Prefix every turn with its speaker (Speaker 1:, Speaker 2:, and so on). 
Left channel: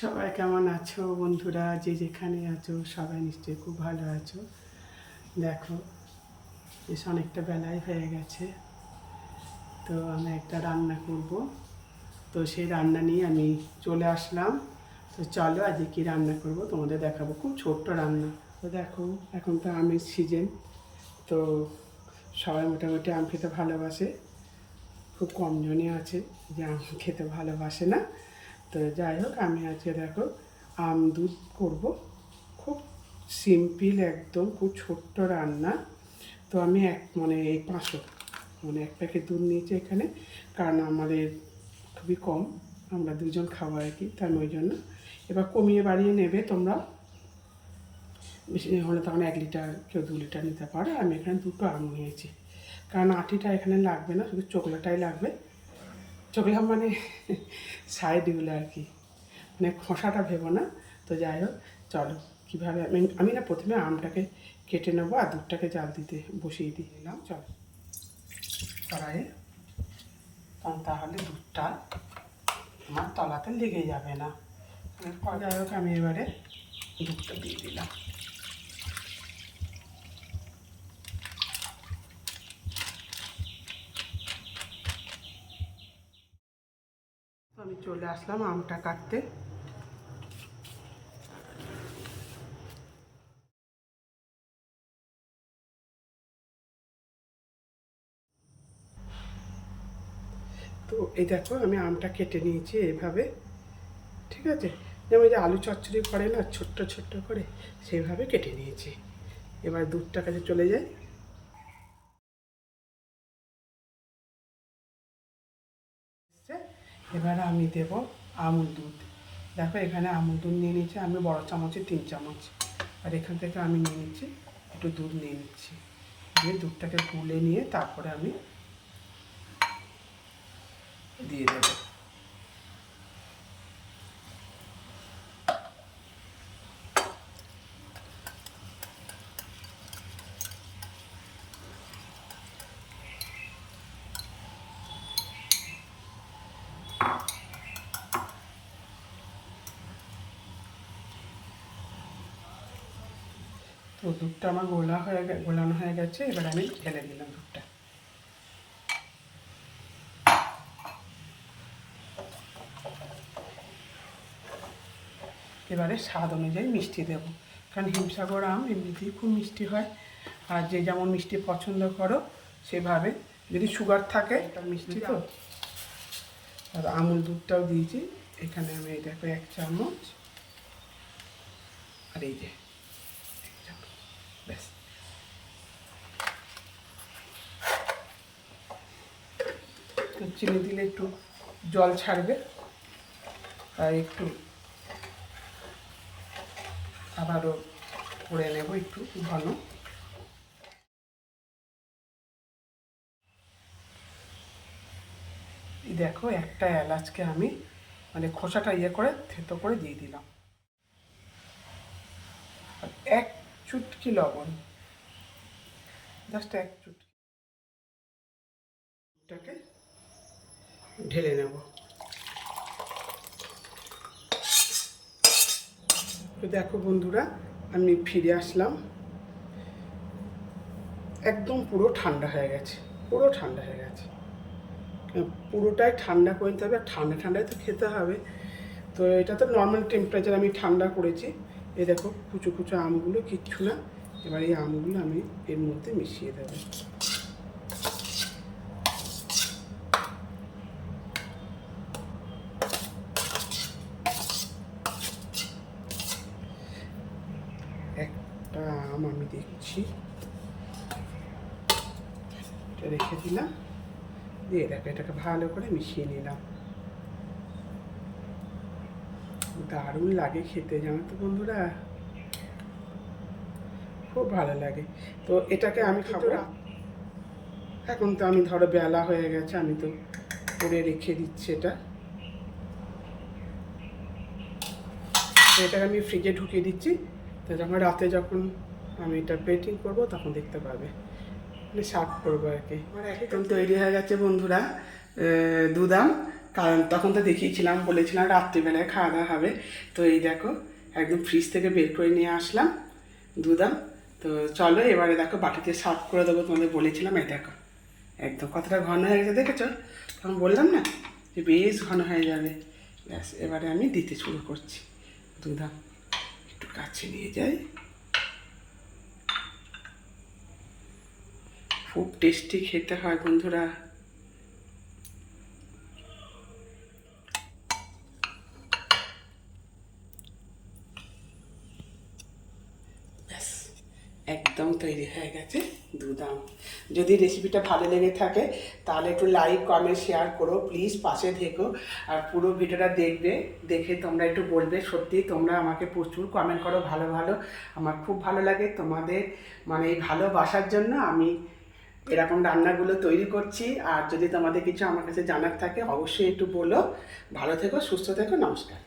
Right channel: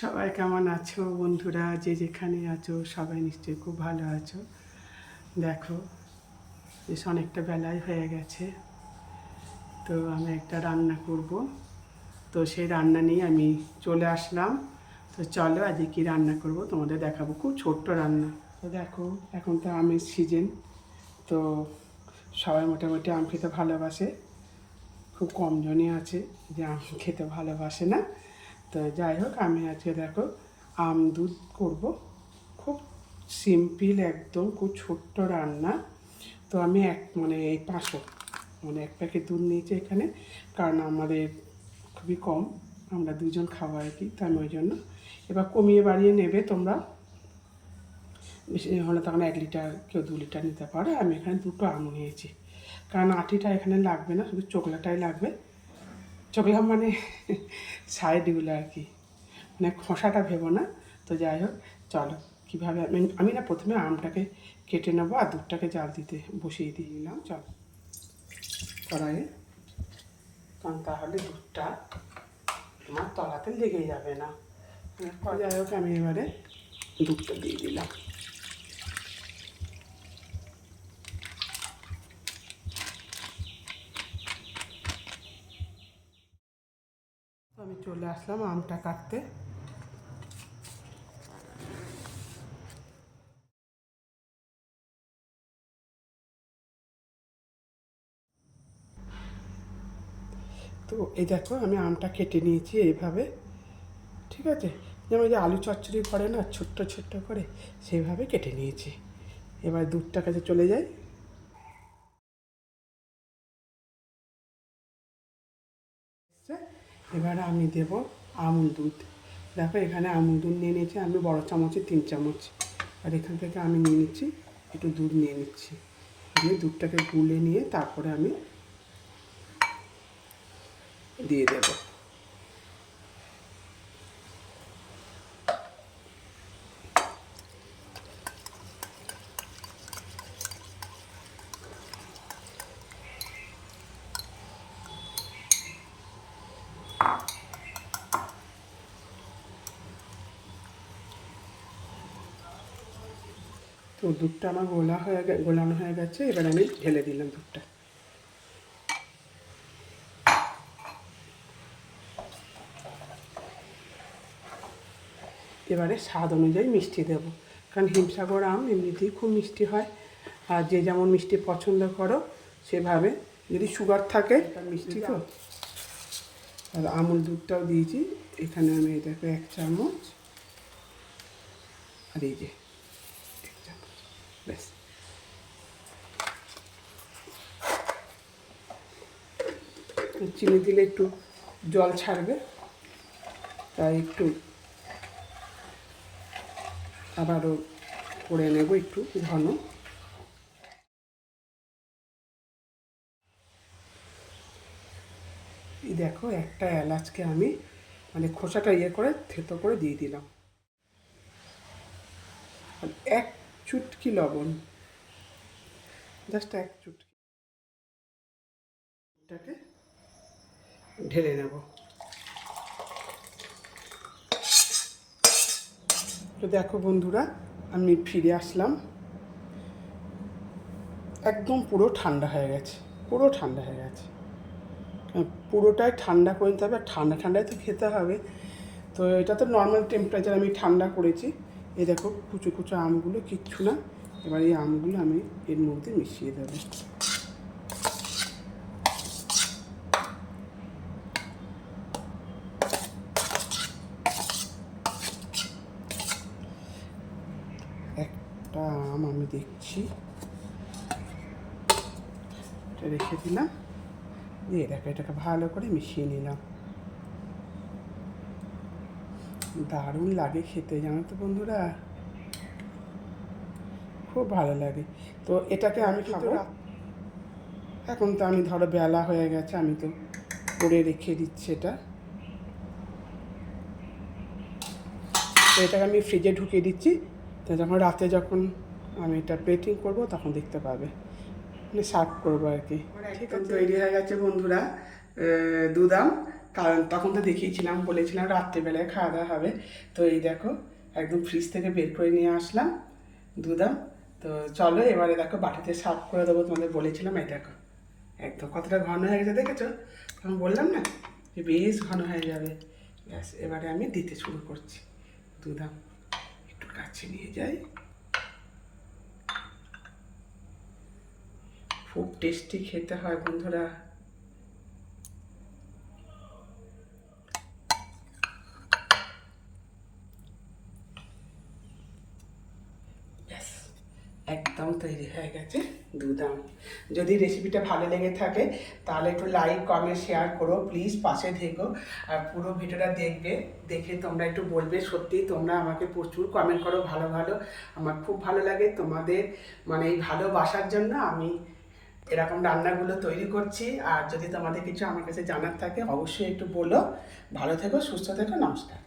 Speaker 1: সবাই কেমন আছো বন্ধুরা? যে যেখানে আছো, সবাই নিশ্চয়ই খুব ভালো আছো। দেখো, বেশ অনেকটা বেলায় হয়ে গেছে। তো আমি একটা রান্না করব। তো সেই রান্না নিয়ে আমি চলে আসলাম। তো চলো আজকে কী রান্না করব? তোমাদের দেখাবো। খুব ছোট্ট রান্না। তো দেখো, এখন তো আমের সিজন তো সবাই মোটামুটি আম খেতে ভালোবাসে। খুব কম জনই আছে যে আম খেতে ভালোবাসে না। তো যাই হোক, আমি আজকে দেখো আম দুধ করব। খুব সিম্পল একদম, খুব ছোট্ট রান্না। তো আমি এক মানে এই পাঁচশো মানে এক প্যাকেট দুধ নিয়েছি এখানে, কারণ আমাদের খুবই কম, আমরা দুজন খাওয়া আর কি, তাই ওই জন্য। এবার কমিয়ে বাড়িয়ে নেবে তোমরা। বেশি হলে তখন এক লিটার কেউ দু লিটার নিতে পারো, আমি এখানে দুটো আম নিয়েছি। কারণ আটিটা এখানে লাগবে না, শুধু চোকলাটাই লাগবে। চোকলা মানে সাইডগুলো আর কি। মানে খোসাটা ভেবো না। তো যাই হোক, চলো। কীভাবে আমি আমি না প্রথমে আমটাকে কেটে নেব আর দুধটাকে জাল দিতে বসিয়ে দিয়ে দিলাম। চলো। কড়াইয়ে। কারণ তাহলে দুধটা আমার তলাতে লেগে যাবে না। যাই হোক, আমি এবারে দুধটা দিয়ে দিলাম আমি চলে আসলাম আমটা কাটতে। তো এই দেখো, আমি আমটা কেটে নিয়েছি এইভাবে, ঠিক আছে? যেমন যে আলু চচ্চড়ি করে না, ছোট্ট ছোট্ট করে, সেইভাবে কেটে নিয়েছি। এবার দুধটা কাছে চলে যায় এবার আমি দেব আমুল দুধ। দেখো এখানে আমুল দুধ নিয়ে নিচ্ছি আমি বড় চামচে তিন চামচ। আর এখান থেকে আমি নিয়ে নিচ্ছি, একটু দুধ নিয়ে নিচ্ছি। দিয়ে দুধটাকে গুলে নিয়ে তারপরে আমি দিয়ে দেব। তো দুধটা আমার গোলা হয়ে গে- গোলানো হয়ে গেছে এবার আমি ঢেলে দিলাম দুধটা। এবারে স্বাদ অনুযায়ী মিষ্টি দেব কারণ হিমসাগর আম এমনিতেই খুব মিষ্টি হয় আর যে যেমন মিষ্টি পছন্দ করো সেভাবে যদি সুগার থাকে মিষ্টি তো? আমুল দুধটাও দিয়েছি এখানে আমি দেখো এক চামচ আর এই যে ব্যাস চিনি দিলে একটু জল ছাড়বে। তাই একটু আবারও করে নেব একটু ঘন। দেখো, একটা এলাচকে আমি মানে খোসাটা ইয়ে করে থেতো করে দিয়ে দিলাম। এক চুটকি লবণ। জাস্ট এক চুটকি। এটাকে ঢেলে নেব। তো দেখো বন্ধুরা, আমি ফিরে আসলাম। একদম পুরো ঠান্ডা হয়ে গেছে, পুরো ঠান্ডা হয়ে গেছে। পুরোটাই ঠান্ডা করে নিতে হবে, আর ঠান্ডা ঠান্ডায় তো খেতে হবে। তো এটা তো নর্মাল টেম্পারেচার আমি ঠান্ডা করেছি। এই দেখো কুচো কুচু আমগুলো, কিচ্ছু না। এবার এই আমগুলো আমি এর মধ্যে মিশিয়ে দেবো। একটা আম আমি দেখছি। এটা রেখে দিলাম। দিয়ে দেখো এটাকে ভালো করে মিশিয়ে নিলাম। দারুণ লাগে খেতে জানো তো বন্ধুরা? খুব ভালো লাগে। তো এটাকে আমি খাব। এখন তো আমি ধরো বেলা হয়ে গেছে আমি তো করে রেখে দিচ্ছি এটা। তো এটাকে আমি ফ্রিজে ঢুকিয়ে দিচ্ছি। তো যখন রাতে যখন আমি এটা পেটিং করব তখন দেখতে পাবে। মানে সার্ভ করব আর কি। তৈরি হয়ে গেছে বন্ধুরা দুধাম কারণ তখন তো দেখিয়েছিলাম, বলেছিলাম রাত্রিবেলায় খাওয়া দাওয়া হবে। তো এই দেখো, একদম ফ্রিজ থেকে বের করে নিয়ে আসলাম। দুধাম তো চলো এবারে দেখো বাটিতে সার্ভ করে দেবো তোমাদের বলেছিলাম, এই দেখো। একদম কতটা ঘন হয়ে গেছে দেখেছ? তখন বললাম না যে বেশ ঘন হয়ে যাবে। ব্যাস, এবারে আমি দিতে শুরু করছি। দুধাম একটু কাছে নিয়ে যাই। খুব টেস্টি খেতে হয় বন্ধুরা ব্যাস একদম তৈরি হয়ে গেছে দুধাম যদি রেসিপিটা ভালো লেগে থাকে, তাহলে একটু লাইক কমেন্ট শেয়ার করো প্লিজ পাশে থেকো। আর পুরো ভিডিওটা দেখবে, দেখে তোমরা একটু বলবে, সত্যি তোমরা আমাকে প্রচুর কমেন্ট করো ভালো ভালো। আমার খুব ভালো লাগে তোমাদের মানে এই ভালোবাসার জন্য আমি এরকম রান্নাগুলো তৈরি করছি। আর যদি তোমাদের কিছু আমার কাছে জানার থাকে, অবশ্যই একটু বলো। ভালো থেকো, সুস্থ থেকো, নমস্কার।